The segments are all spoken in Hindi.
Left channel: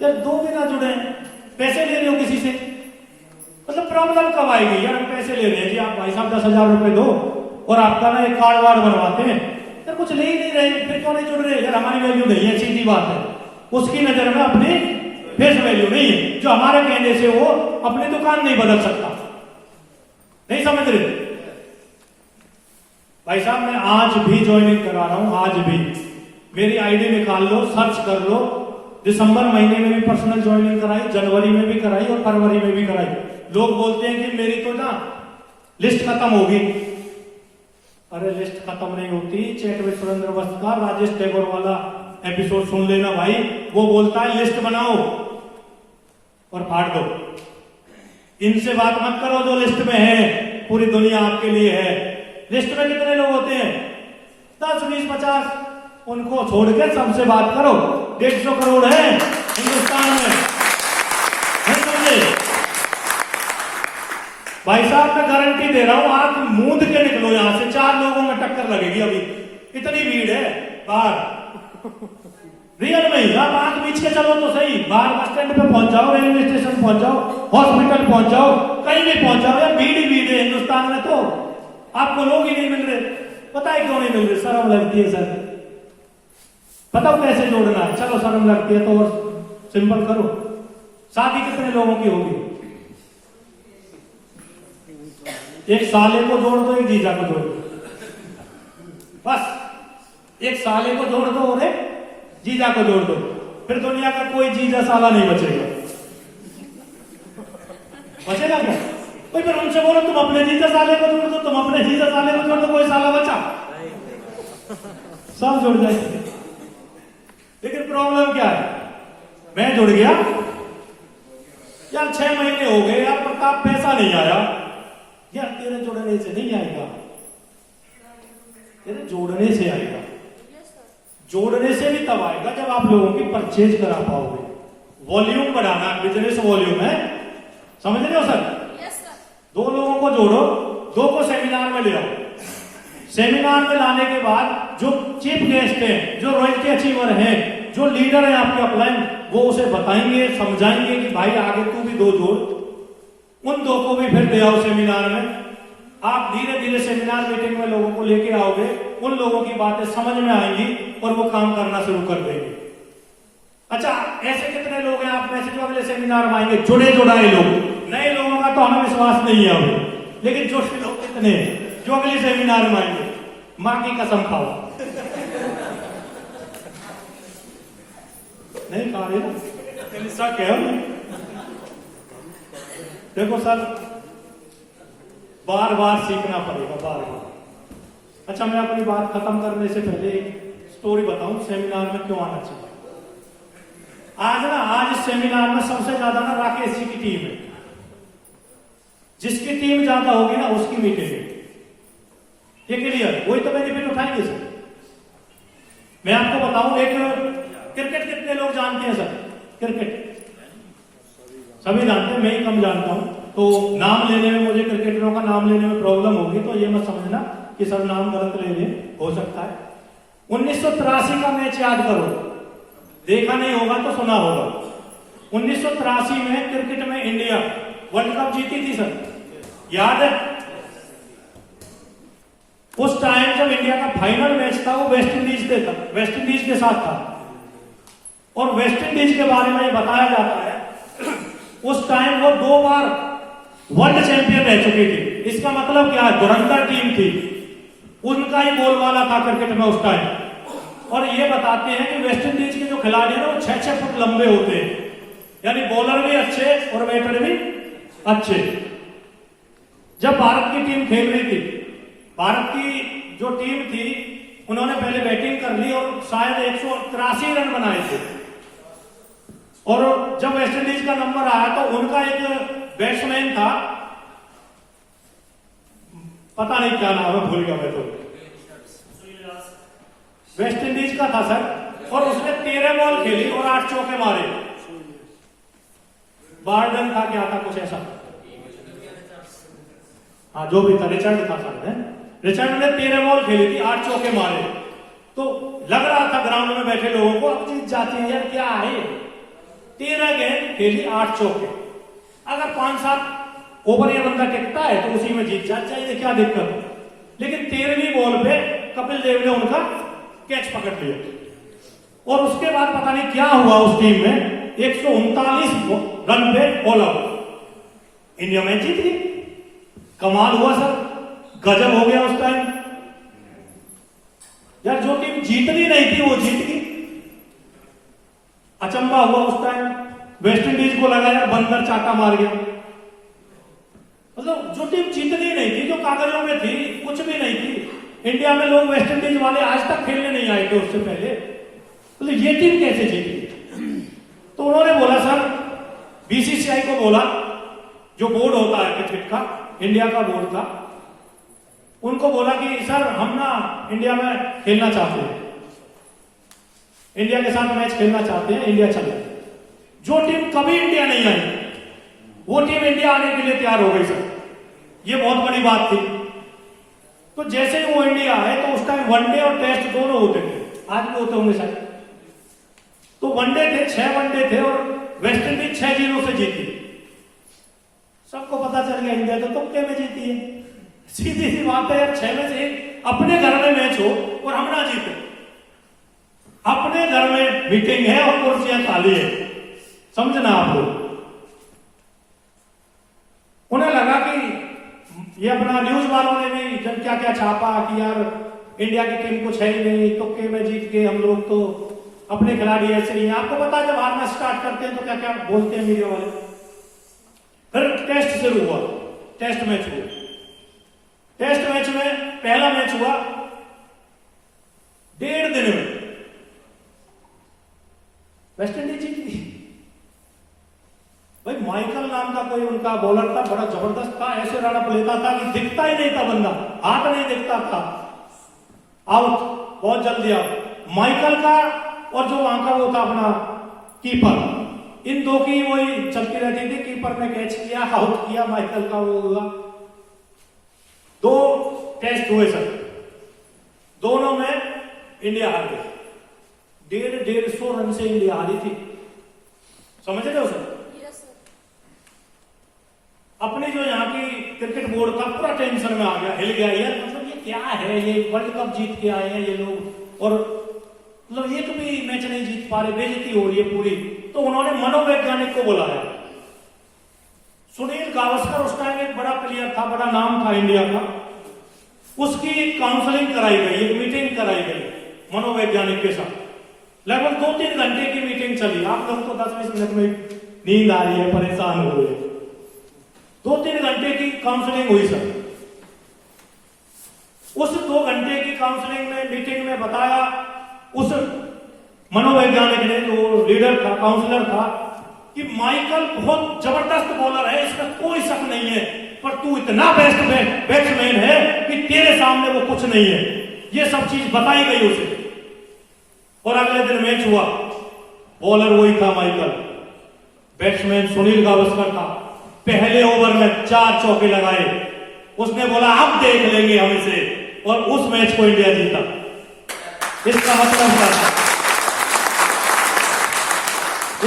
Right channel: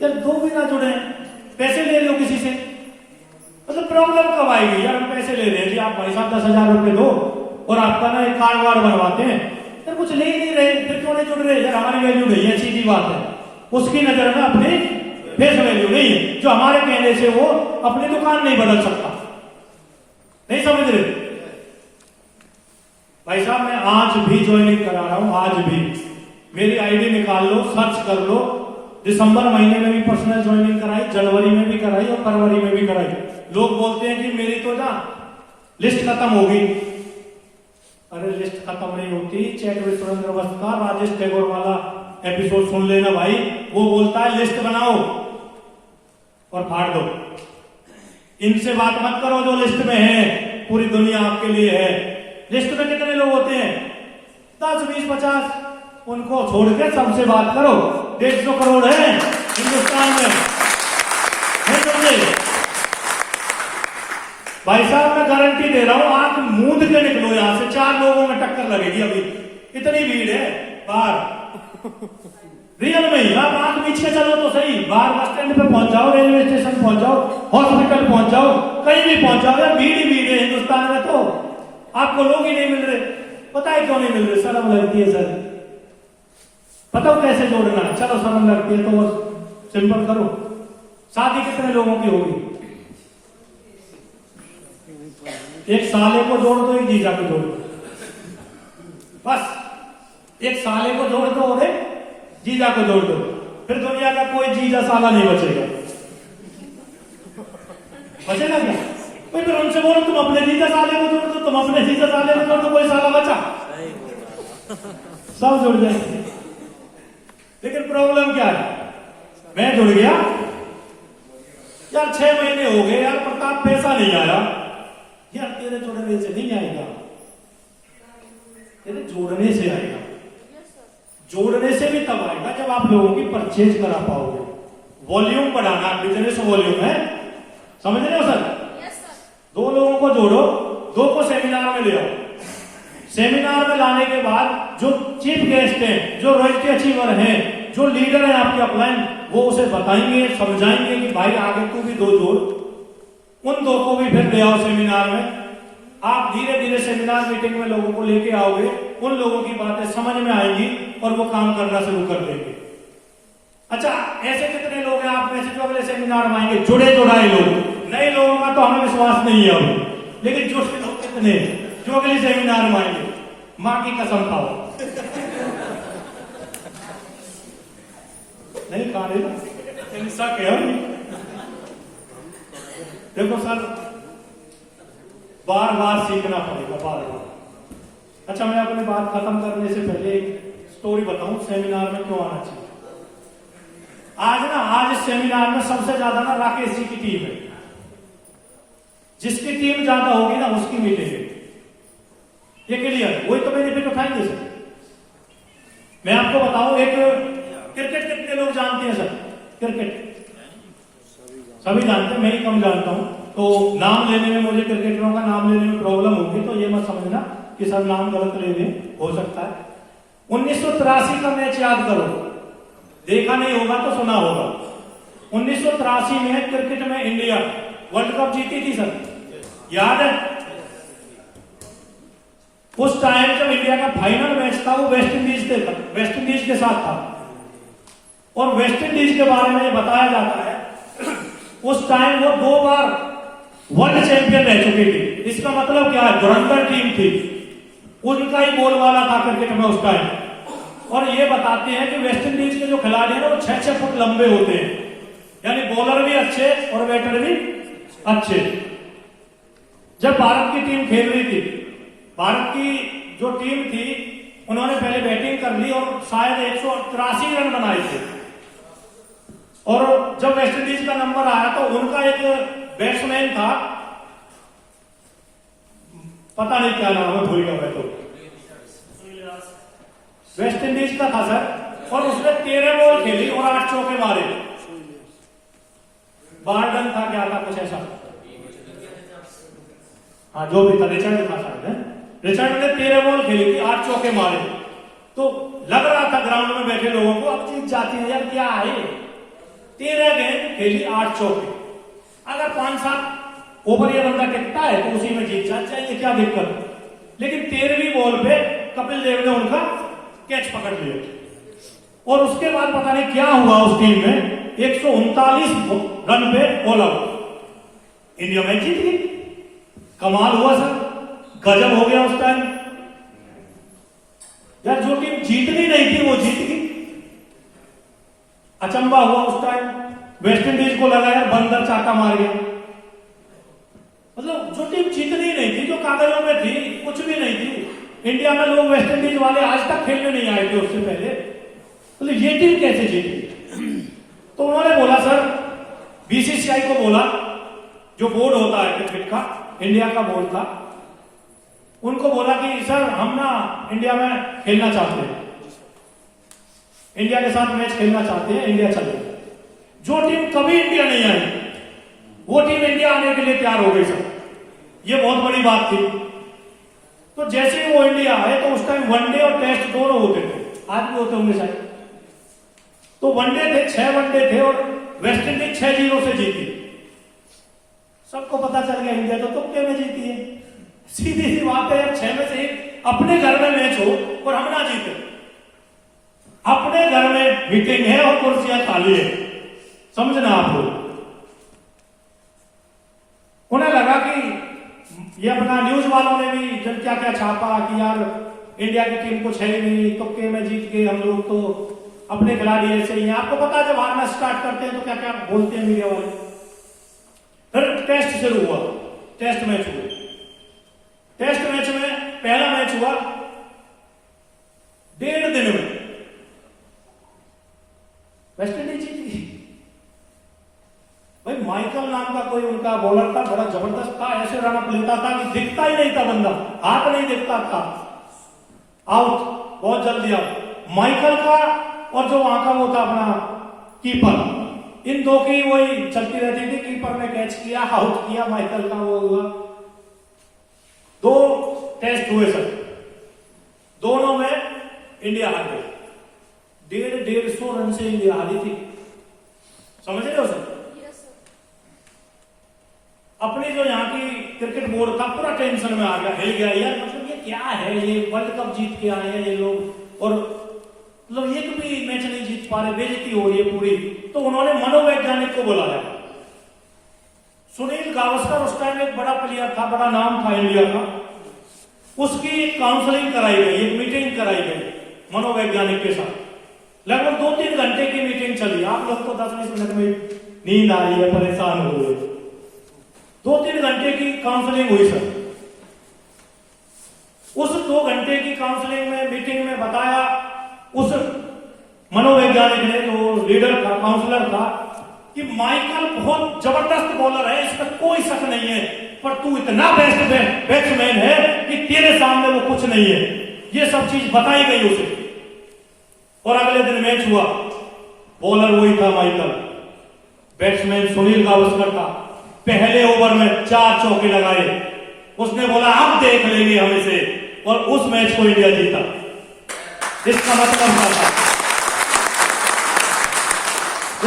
यार दो भी ना जुड़े, पैसे ले लो किसी से, मतलब प्रॉब्लम कब आएगी? यार हम पैसे ले रहे हैं जी, आप भाई साहब 10,000 रुपए दो और आपका ना एक कार्ड वार्ड बनवाते हैं, यार कुछ ले ही नहीं रहे, फिर क्यों नहीं जुड़ रहे? यार हमारी वैल्यू नहीं है, सीधी बात है। उसकी नजर में अपनी फेस वैल्यू नहीं, जो हमारे कहने से वो अपनी दुकान नहीं बदल सकता। नहीं समझ रहे भाई साहब? मैं आज भी ज्वाइनिंग करा रहा हूं, आज भी। मेरी आईडी निकाल लो, सर्च कर लो, दिसंबर महीने में भी पर्सनल ज्वाइनिंग कराई, जनवरी में भी कराई और फरवरी में भी कराई। लोग बोलते हैं कि मेरी तो ना लिस्ट खत्म होगी। अरे लिस्ट खत्म नहीं होती। चैट में सुरेंद्र वस्त का राजेश टैगोर वाला एपिसोड सुन लेना भाई, वो बोलता है लिस्ट बनाओ और फाड़ दो। इनसे बात मत करो जो लिस्ट में है, पूरी दुनिया आपके लिए है। लिस्ट में कितने लोग होते हैं? 10, 20, 50, उनको छोड़ के सबसे बात करो। 150 करोड़ है हिंदुस्तान में, नहीं समझे भाई साहब? मैं गारंटी दे रहा हूं, आप मूंद के निकलो यहां से, 4 लोगों में टक्कर लगेगी अभी, इतनी भीड़ है बाहर। रियल में ही आप आंख बीच के चलो तो सही, बाहर बस स्टैंड पे पहुंच जाओ, रेलवे स्टेशन पहुंच जाओ, हॉस्पिटल पहुंच जाओ, कहीं भी पहुंच जाओ, यार भीड़ ही भीड़ है हिंदुस्तान में। तो आपको लोग ही नहीं मिल रहे, पता है क्यों नहीं मिल रहे? शर्म लगती है सर। बताओ कैसे जोड़ना है? चलो शर्म लगती है तो बस सिंपल करो। शादी कितने लोगों की होगी? एक साले को जोड़ दो, एक जीजा को जोड़ दो, बस एक साले को जोड़ दो और एक जीजा को जोड़ दो, फिर दुनिया का कोई जीजा साला नहीं बचेगा। बचेगा क्या? भाई फिर उनसे बोलो तुम अपने जीजा साले को जोड़ दो, तुम अपने जीजा साले को जोड़ दो, कोई साला बचा? सब जुड़ जाएंगे। लेकिन प्रॉब्लम क्या है? मैं जुड़ गया यार, 6 महीने हो गए यार प्रताप, पैसा नहीं आया। यार तेरे जोड़ने से नहीं आएगा, तेरे जोड़ने से आएगा। जोड़ने से भी तब आएगा जब आप लोगों की परचेज करा पाओगे। वॉल्यूम बढ़ाना, बिजनेस वॉल्यूम है, समझ रहे हो सर? 2 लोगों को जोड़ो, 2 को सेमिनार में ले आओ। सेमिनार में लाने के बाद जो चीफ गेस्ट हैं, जो रॉयल्टी अचीवर हैं, जो लीडर है आपके अपलाइन, वो उसे बताएंगे, समझाएंगे कि भाई आगे तू भी 2 जोड़। उन 2 को भी फिर ले आओ सेमिनार में। आप धीरे धीरे सेमिनार मीटिंग में लोगों को लेके आओगे, उन लोगों की बातें समझ में आएंगी और वो काम करना शुरू कर देंगे। अच्छा, ऐसे कितने लोग हैं आप में से जो अगले सेमिनार में आएंगे? जुड़े जुड़ाए लोग। नए लोगों का तो हमें विश्वास नहीं है अभी, लेकिन जुड़े लोग कितने हैं जो अगले सेमिनार में आएंगे? मां की कसम खाओ, नहीं खा रहे ना? देखो सर, बार बार सीखना पड़ेगा, बार बार। अच्छा, मैं अपनी बात खत्म करने से पहले एक स्टोरी बताऊं सेमिनार में क्यों आना चाहिए। आज इस सेमिनार में सबसे ज्यादा ना राकेश जी की टीम है। जिसकी टीम ज्यादा होगी ना उसकी मीटिंग है, ये क्लियर? वही तो बेनिफिट उठाएंगे सर। मैं आपको बताऊं, एक क्रिकेट कितने लोग जानते हैं सर? क्रिकेट सभी जानते हैं, मैं ही कम जानता हूं, तो नाम लेने में मुझे, क्रिकेटरों का नाम लेने में प्रॉब्लम होगी, तो ये मत समझना कि सर नाम गलत ले लें, हो सकता है। 1983 का मैच याद करो, देखा नहीं होगा तो सुना होगा। 1983 में क्रिकेट में इंडिया वर्ल्ड कप जीती थी सर, याद है? उस टाइम जब इंडिया का फाइनल मैच था वो वेस्ट इंडीज के साथ था, और वेस्ट इंडीज के बारे में ये बताया जाता है उस टाइम वो 2 बार वर्ल्ड चैंपियन रह चुकी थी। इसका मतलब क्या है? धुरंधर टीम थी, उनका ही बोलबाला था क्रिकेट में उस टाइम। और ये बताते हैं कि वेस्ट इंडीज के जो खिलाड़ी हैं वो 6-6 फुट लंबे होते हैं, यानी बॉलर भी अच्छे और बैटर भी अच्छे। जब भारत की टीम खेल रही थी, भारत की जो टीम थी उन्होंने पहले बैटिंग कर ली और शायद 183 रन बनाए थे। और जब वेस्ट इंडीज का नंबर आया तो उनका एक बैट्समैन था, पता नहीं क्या नाम है, भूल गया मैं तो, वेस्ट इंडीज का था सर, और उसने 13 बॉल खेली और 8 चौके मारे। बार्डन था, क्या था, कुछ ऐसा, हाँ जो भी था, रिचर्ड था शायद। रिचर्ड ने 13 बॉल खेली थी, 8 चौके मारे। तो लग रहा था ग्राउंड में बैठे लोगों को अब जीत जाती है यार, क्या है 13 गेंद खेली 8 चौके। अगर 5-7 ओवर ये बंदा टिकता है तो उसी में जीत जाएंगे, क्या दिक्कत है। लेकिन 13वीं बॉल पे कपिल देव ने उनका कैच पकड़ लिया और उसके बाद पता नहीं क्या हुआ उस टीम में, 139 रन पे ऑल आउट। इंडिया मैच जीत गई। कमाल हुआ सर, गजब हो गया उस टाइम यार। जो टीम जीतनी नहीं थी वो जीत गई। अचंबा हुआ उस टाइम। वेस्ट इंडीज को लगाया, बंदर चाटा मार गया। मतलब जो टीम जीतनी नहीं थी, जो कागजों में थी, कुछ भी नहीं थी। इंडिया में लोग वेस्ट इंडीज वाले आज तक खेलने नहीं आए थे उससे पहले, मतलब ये टीम कैसे जीती। तो उन्होंने बोला सर, बीसीसीआई को बोला, जो बोर्ड होता है क्रिकेट का, इंडिया का बोर्ड था, उनको बोला कि सर हम ना इंडिया में खेलना चाहते हैं, इंडिया के साथ मैच खेलना चाहते हैं, इंडिया चल रहा है। जो टीम कभी इंडिया नहीं आई वो टीम इंडिया आने के लिए तैयार हो गई सर। ये बहुत बड़ी बात थी। तो जैसे ही वो इंडिया आए तो उस टाइम वनडे और टेस्ट दोनों होते थे, आज भी होते होंगे शायद। तो वनडे थे, 6 वनडे थे और वेस्ट इंडीज 6-0 से जीती। सबको पता चल गया इंडिया तो तुक्के में जीती है। सीधी सी बात है यार, 6 में से 1 अपने घर में मैच हो और हम ना जीते। अपने घर में मीटिंग है और कुर्सियां खाली है, समझना आप लोग। उन्हें लगा कि ये अपना न्यूज वालों ने भी जब क्या क्या छापा कि यार इंडिया की टीम कुछ है ही नहीं, तुक्के में जीत के हम लोग तो अपने खिलाड़ी ऐसे ही हैं। आपको पता है जब हारना स्टार्ट करते हैं तो क्या क्या बोलते हैं मीडिया वाले। फिर टेस्ट शुरू हुआ, टेस्ट मैच हुआ। टेस्ट मैच में पहला मैच हुआ 1.5 दिन में वेस्ट इंडीज जीती। भाई माइकल नाम का कोई उनका बॉलर था, बड़ा जबरदस्त था, ऐसे रन अप लेता था कि दिखता ही नहीं था बंदा, हाथ नहीं दिखता था। आउट, बहुत जल्दी आउट। माइकल का और जो वहां का वो था अपना कीपर, इन दो की वही चलती रहती थी। कीपर ने कैच किया, आउट किया, माइकल का वो हुआ। 2 टेस्ट हुए सर, दोनों में इंडिया हार गई। 150 रन से इंडिया हारी थी, समझ रहे हो सर। अपनी जो यहाँ की क्रिकेट बोर्ड था पूरा टेंशन में आ गया, हिल गया यार, मतलब ये क्या है, ये वर्ल्ड कप जीत के आए हैं ये लोग और मतलब एक भी मैच नहीं जीत पा रहे, बेइज्जती हो रही है पूरी। तो उन्होंने मनोवैज्ञानिक को बुलाया। सुनील गावस्कर उस टाइम एक बड़ा प्लेयर था, बड़ा नाम था इंडिया का। उसकी काउंसलिंग कराई गई, एक मीटिंग कराई गई मनोवैज्ञानिक के साथ। लगभग 2-3 घंटे की मीटिंग चली। आप लोग को 10-20 मिनट में नींद आ रही है, परेशान हो गए। 2-3 घंटे की काउंसलिंग हुई सर। उस 2 घंटे की काउंसलिंग में, मीटिंग में बताया उस मनोवैज्ञानिक ने, जो लीडर था, काउंसलर था, कि माइकल बहुत जबरदस्त बॉलर है, इसमें कोई शक नहीं है, पर तू इतना बेस्ट बैट्समैन है कि तेरे सामने वो कुछ नहीं है। ये सब चीज बताई गई उसे। और अगले दिन मैच हुआ, बॉलर वही था माइकल, बैट्समैन सुनील गावस्कर था। पहले ओवर में 4 चौके लगाए। उसने बोला अब देख लेंगे हम इसे, और उस मैच को इंडिया जीता। इसका मतलब क्या था?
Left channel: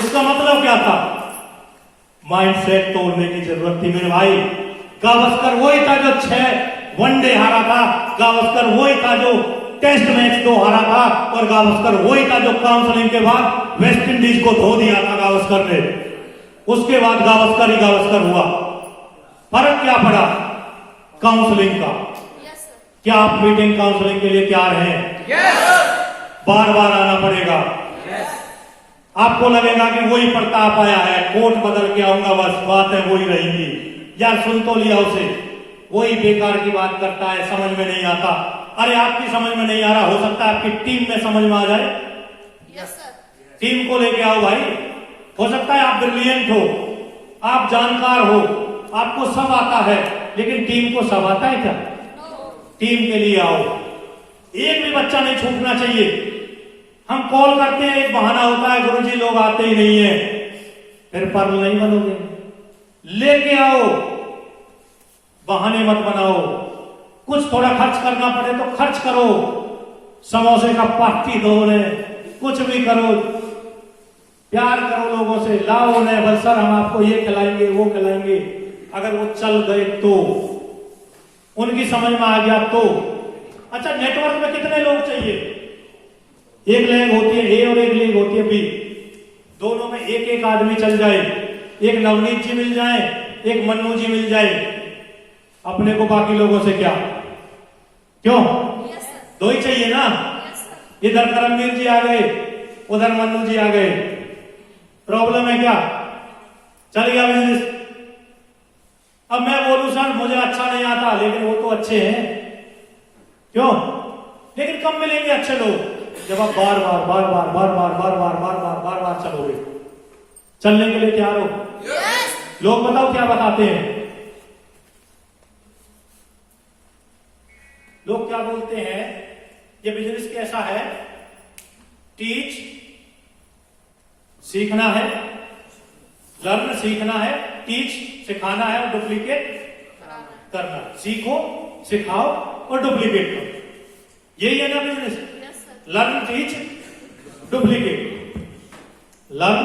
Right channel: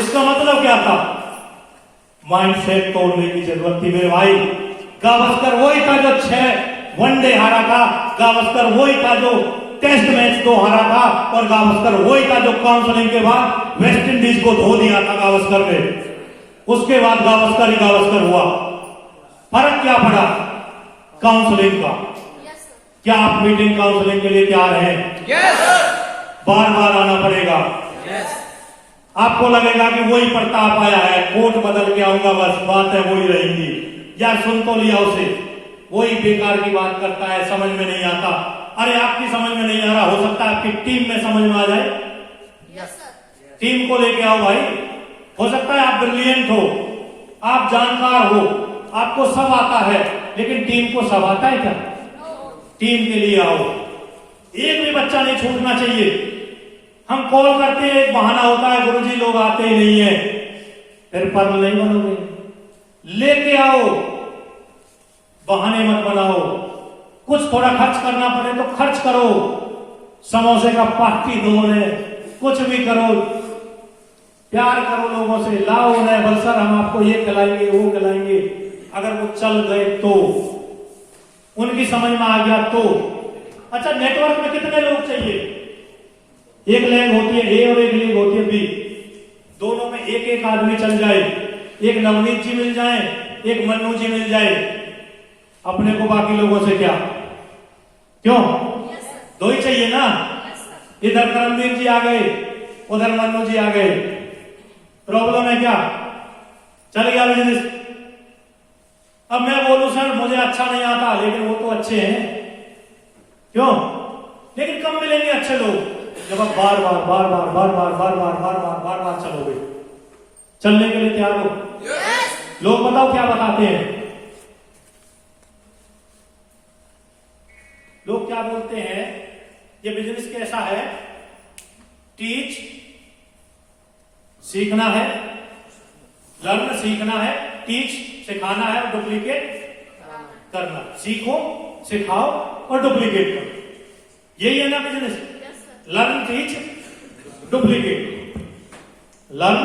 इसका मतलब क्या था? माइंडसेट तोड़ने की जरूरत थी मेरे भाई। गावस्कर वही था जो 6 वनडे हारा था, गावस्कर वही था जो टेस्ट मैच 2 हारा था, और गावस्कर वही था जो काउंसलिंग के बाद वेस्ट इंडीज को धो दिया था गावस्कर ने। उसके बाद गावस्कर ही गावस्कर हुआ। फर्क क्या पड़ा? काउंसलिंग का। क्या आप मीटिंग काउंसलिंग के लिए तैयार हैं? बार बार आना पड़ेगा। आपको लगेगा कि वही प्रताप आया है, कोट बदल के आऊंगा, बस बात है वही रहेगी। यार सुन तो लिया उसे, वही बेकार की बात करता है, समझ में नहीं आता। अरे आपकी समझ में नहीं आ रहा, हो सकता है आपकी टीम में समझ में आ जाए। टीम को लेके आओ भाई। हो सकता है आप ब्रिलियंट हो, आप जानकार हो, आपको सब आता है, लेकिन टीम को सब आता है क्या? टीम के लिए आओ। एक भी बच्चा नहीं छूटना चाहिए। हम कॉल करते हैं, एक बहाना होता है, गुरुजी लोग आते ही नहीं है, फिर पर नहीं बनोगे। लेके आओ, बहाने मत बनाओ। कुछ थोड़ा खर्च करना पड़े तो खर्च करो, समोसे का पार्टी दो, कुछ भी करो, प्यार करो लोगों से, लाओ उन्हें, बल सर हम आपको ये खिलाएंगे वो खिलाएंगे। अगर वो चल गए तो, उनकी समझ में आ गया तो। अच्छा, नेटवर्क में कितने लोग चाहिए? एक लेग होती है ए और एक लेग होती है बी, दोनों में एक एक आदमी चल जाए, एक नवनीत जी मिल जाए, एक मन्नू जी मिल जाए, अपने को बाकी लोगों से क्या? क्यों? दो ही चाहिए ना। इधर करमवीर जी आ गए, उधर मन्नू जी आ गए, प्रॉब्लम है क्या? चल गया बिजनेस। अब मैं बोलूं सर मुझे अच्छा नहीं आता, लेकिन वो तो अच्छे हैं, क्यों? लेकिन कब मिलेंगे अच्छे लोग? जब आप बार बार बार बार बार बार बार बार बार बार बार बार चलोगे। चलने के लिए तैयार हो? लोग बताओ क्या बताते हैं? लोग क्या बोलते हैं? ये बिजनेस कैसा है? टीच सीखना है, लर्न सीखना है, टीच सिखाना है, और डुप्लीकेट करना। सीखो, सिखाओ और डुप्लीकेट करो, यही है ना business? Learn, teach, duplicate. Learn,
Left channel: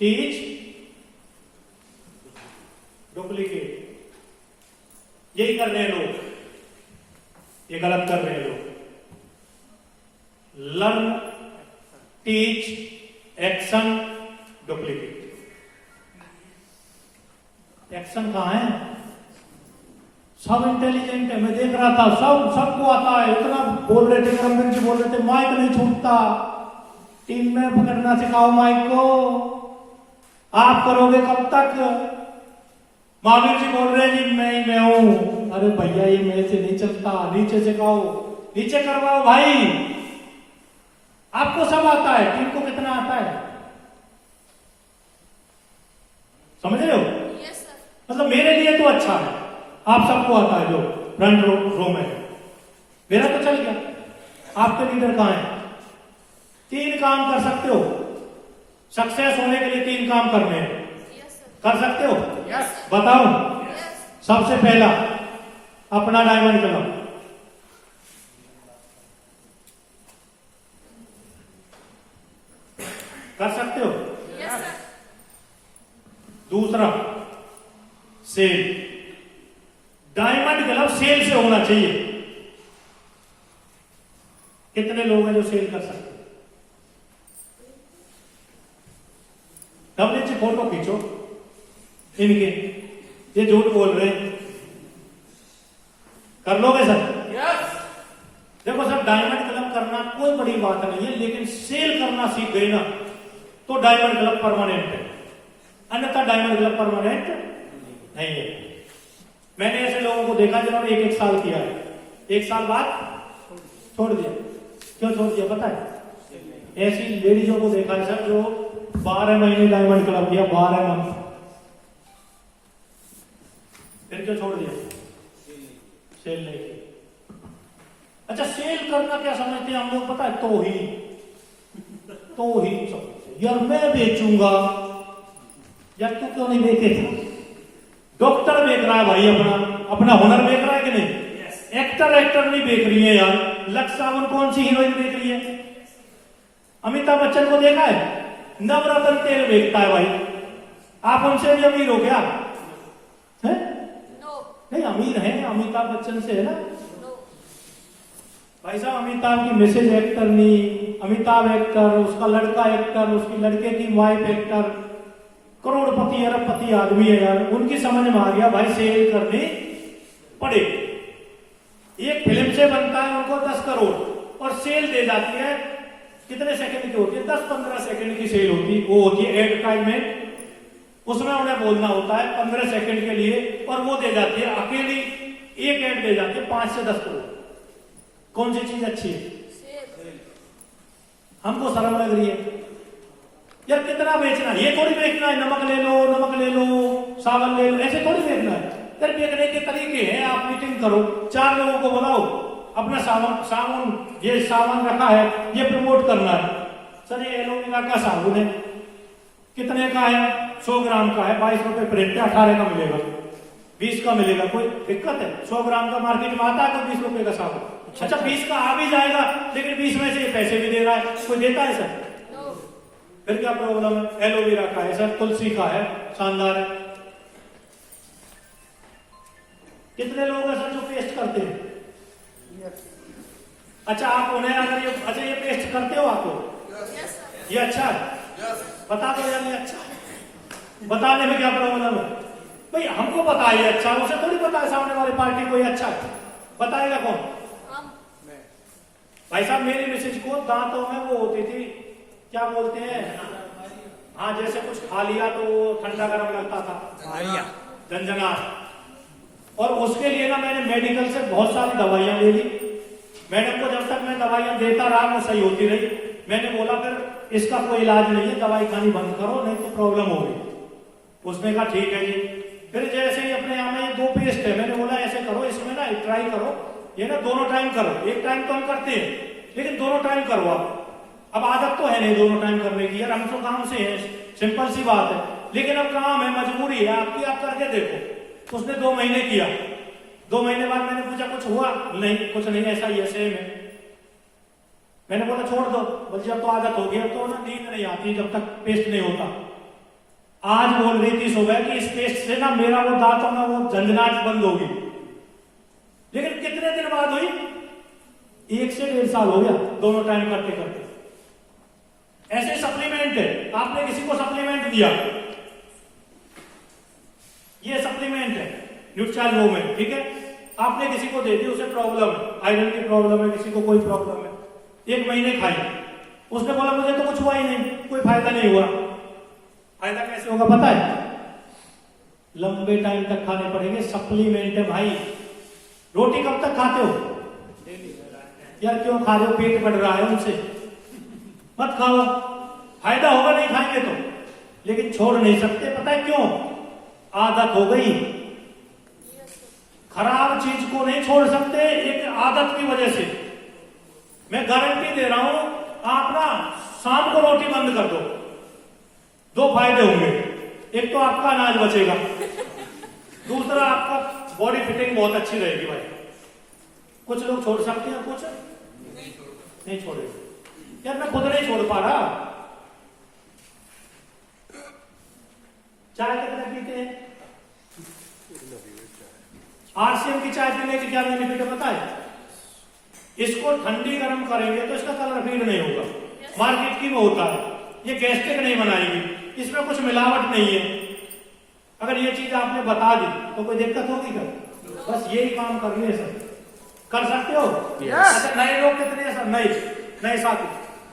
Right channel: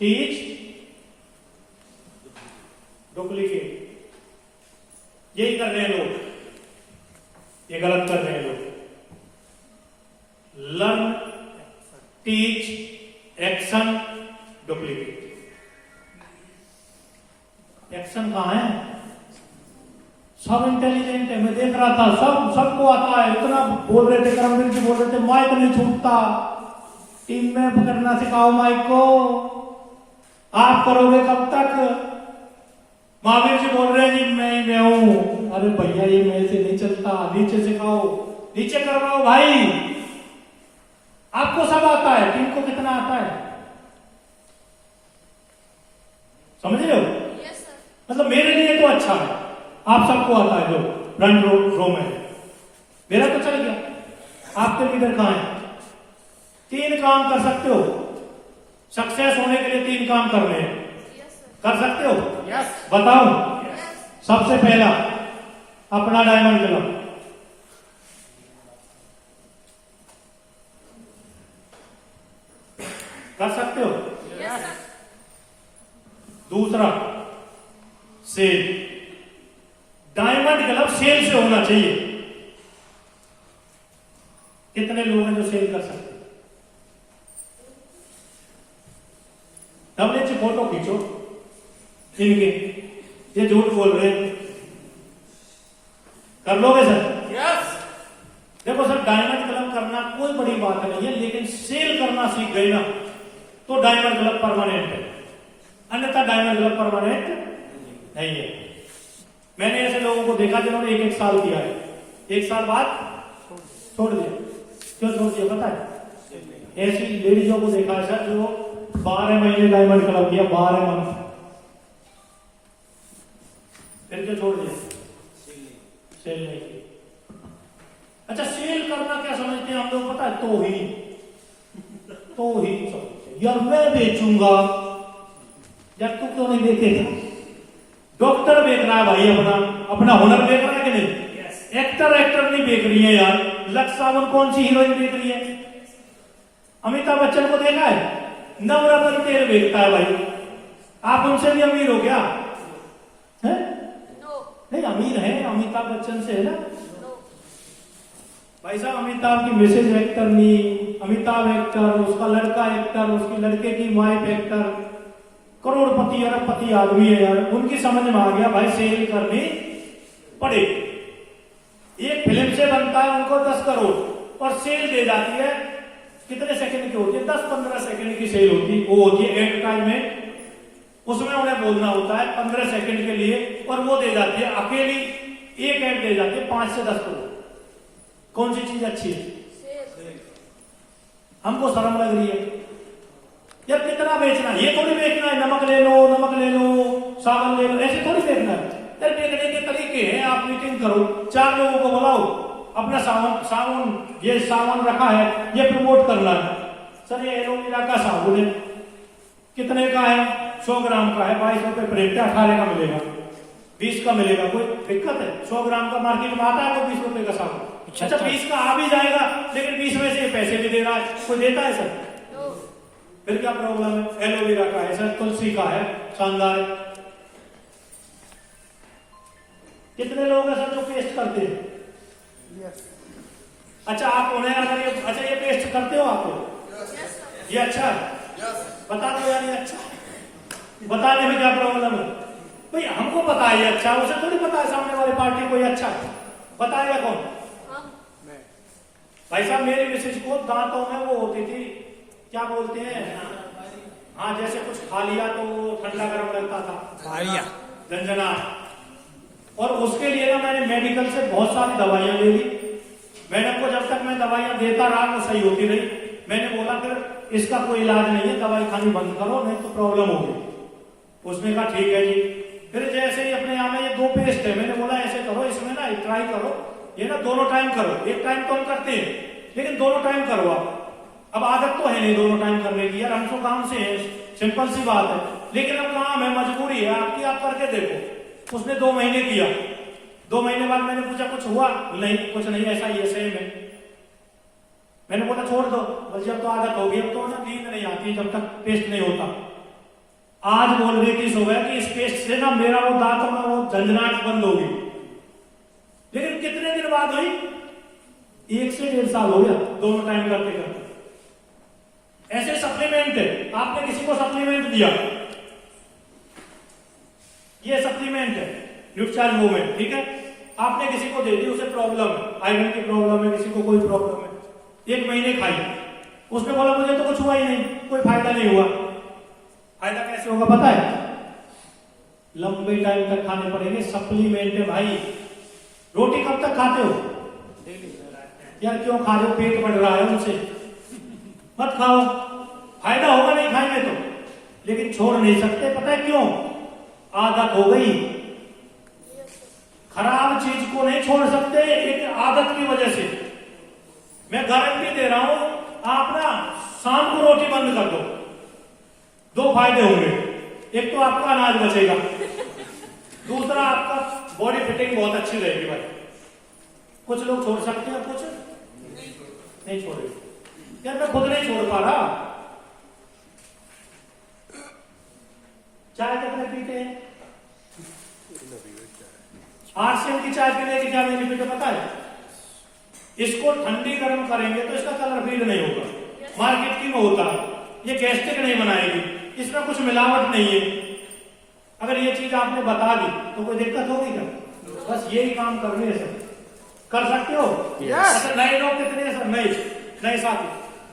teach, duplicate, यही कर रहे हैं लोग। ये गलत कर रहे हैं लोग। Learn, teach, action, duplicate. Action कहां है? सब इंटेलिजेंट है, मैं देख रहा था, सबको आता है। इतना बोल रहे थे, करमवीर जी बोल रहे थे माइक नहीं छूटता, टीम में पकड़ना सिखाओ माइक को, आप करोगे कब तक? महावीर जी बोल रहे हैं जी मैं हूं। अरे भैया ये मेरे से नहीं चलता, नीचे सिखाओ, नीचे करवाओ भाई। आपको सब आता है, टीम को कितना आता है? समझ रहे हो? मतलब मेरे लिए तो अच्छा है, आप सबको आता है जो फ्रंट रो में। मेरा तो चल गया, आपके लीडर कहां है? 3 काम कर सकते हो सक्सेस होने के लिए, 3 काम करने हैं। कर सकते हो? बताओ। सबसे पहला अपना डायमंड क्लब, कर सकते हो? दूसरा सेल, डायमंड क्लब सेल से होना चाहिए। कितने लोग हैं जो सेल कर सकते? हमने जी फोटो खींचो इनके, ये झूठ बोल रहे, कर लोगे सर? देखो सर, डायमंड क्लब करना कोई बड़ी बात नहीं है, लेकिन सेल करना सीख गए ना तो डायमंड क्लब परमानेंट है, अन्यथा डायमंड क्लब परमानेंट नहीं है। मैंने ऐसे लोगों को देखा जिन्होंने 1-1 साल किया है, 1 साल बाद छोड़ दिया। क्यों छोड़ दिया पता है? ऐसी लेडीजों को देखा है सर जो 12 महीने डायमंड क्लब किया, 12 मंथ, फिर क्या छोड़ दिया? सेल नहीं किया। अच्छा, सेल करना क्या समझते हैं हम लोग पता है? तो ही समझते यार मैं बेचूंगा, यार तू क्यों नहीं बेचेगा? डॉक्टर बेच रहा है भाई, अपना हुनर बेच रहा है कि नहीं? एक्टर नहीं बेच रही है यार। लक्ष्य सावन कौन सी हीरोइन बेच रही है? अमिताभ बच्चन को देखा है? नवरत्न तेल बेचता है भाई। आप उनसे भी अमीर हो क्या? है? नहीं, अमीर है अमिताभ बच्चन से, है ना भाई साहब। अमिताभ की मिसेज एक्टर नहीं, अमिताभ एक्टर, उसका लड़का एक्टर, उसकी लड़के की वाइफ एक्टर, करोड़पति अरबपति आदमी है यार। उनकी समझ में आ गया भाई सेल करनी पड़े। एक फिल्म से बनता है उनको 10 करोड़ और सेल दे जाती है कितने सेकंड की होती है? 10-15 सेकंड की सेल होती है, वो होती है एड टाइम में। उसमें उन्हें बोलना होता है 15 सेकंड के लिए, और वो दे जाती है अकेली एक एड दे जाती है 5 से 10 करोड़। कौन सी चीज अच्छी है? हमको शर्म लग रही है यार, कितना बेचना है? ये थोड़ी बेचना है नमक ले लो, सावन ले लो, ऐसे थोड़ी बेचना है यार। बेचने के तरीके हैं, आप मीटिंग करो, 4 लोगों को बुलाओ, अपना साबुन ये सामान रखा है, ये प्रमोट करना है। सर ये एलोवेरा का साबुन है, कितने का है? 100 ग्राम का है, 22 रुपए प्रिंट है, 18 का मिलेगा, 20 का मिलेगा, कोई दिक्कत है? 100 ग्राम का मार्केट में आता है तो 20 रुपए का साबुन। अच्छा 20 का आ भी जाएगा, लेकिन 20 में से पैसे भी दे रहा है, कोई देता है सर? फिर क्या प्रॉब्लम है? एलोवेरा का है सर, तुलसी का है, शानदार है। कितने लोग हैं सर जो पेस्ट करते हैं? अच्छा, आप उन्हें अगर ये अच्छा ये पेस्ट करते हो आपको? ये अच्छा है, बता दो यार ये अच्छा है। बताने में क्या प्रॉब्लम है भाई? हमको पता है ये अच्छा, उसे थोड़ी पता है सामने वाली पार्टी को ये अच्छा है। बताएगा कौन? भाई साहब मेरी मिसेज को दांतों में वो होती थी, क्या बोलते हैं, हाँ जैसे कुछ खा लिया तो ठंडा गर्म लगता था, झंझनाहट। और उसके लिए ना मैंने मेडिकल से बहुत सारी दवाइयां ले ली। मैडम को जब तक मैं दवाइयां देता रहा वो सही होती रही। मैंने बोला फिर इसका कोई इलाज नहीं है, दवाई खानी बंद करो नहीं तो प्रॉब्लम होगी। उसने कहा ठीक है जी। फिर जैसे ही अपने यहाँ में ये 2 पेस्ट है, मैंने बोला ऐसे करो, इसमें ना ट्राई करो, ये ना दोनों टाइम करो। एक टाइम तो हम करते हैं लेकिन दोनों टाइम करो आप। अब आदत तो है नहीं दोनों टाइम करने की, यार हम तो काम से हैं, सिंपल सी बात है, लेकिन अब काम है, मजबूरी है आपकी, आप करके देखो। उसने 2 महीने किया। 2 महीने बाद मैंने पूछा कुछ हुआ? नहीं कुछ नहीं, ऐसा ही है सेम है। मैंने बोला छोड़ दो। बोल अब तो आदत हो गई, अब तो ना नींद नहीं आती जब तक पेस्ट नहीं होता। आज बोल रही थी सुबह कि इस पेस्ट से ना मेरा वो दांतों में वो झंझनाहट बंद होगी। लेकिन कितने दिन बाद हुई? 1 से 1.5 साल हो गया दोनों टाइम करते करते। ऐसे सप्लीमेंट है, आपने किसी को सप्लीमेंट दिया, ये सप्लीमेंट है न्यूट्रिचार्ज मूवमेंट, ठीक है, आपने किसी को दे दी, उसे प्रॉब्लम है, आयरन की प्रॉब्लम है, किसी को कोई प्रॉब्लम है, 1 महीने खाई, उसने बोला मुझे तो कुछ हुआ ही नहीं, कोई फायदा नहीं हुआ। फायदा कैसे होगा पता है? लंबे टाइम तक खाने पड़ेंगे, सप्लीमेंट है भाई। रोटी कब तक खाते हो? यार क्यों खा रहे हो? पेट बढ़ रहा है उनसे, मत खाओ, फायदा होगा नहीं खाएंगे तो, लेकिन छोड़ नहीं सकते। पता है क्यों? आदत हो गई। खराब चीज को नहीं छोड़ सकते एक आदत की वजह से। मैं गारंटी दे रहा हूं, आप ना शाम को रोटी बंद कर दो, 2 फायदे होंगे। एक तो आपका अनाज बचेगा, दूसरा आपका बॉडी फिटिंग बहुत अच्छी रहेगी भाई। कुछ लोग छोड़ सकते हैं, कुछ नहीं छोड़ेंगे। यार मैं खुद नहीं छोड़ पा रहा। चाय कितने पीते हैं? आरसीएम की चाय पीने की क्या बेनिफिट है पता है? इसको ठंडी गर्म करेंगे तो इसका कलर फीड नहीं होगा, मार्केट की में होता है। ये गैस्ट्रिक नहीं बनाएगी, इसमें कुछ मिलावट नहीं है। अगर ये चीज आपने बता दी तो कोई दिक्कत होगी क्या? बस यही काम करने से कर सकते हो। अच्छा नए लोग कितने हैं सर? नए साथी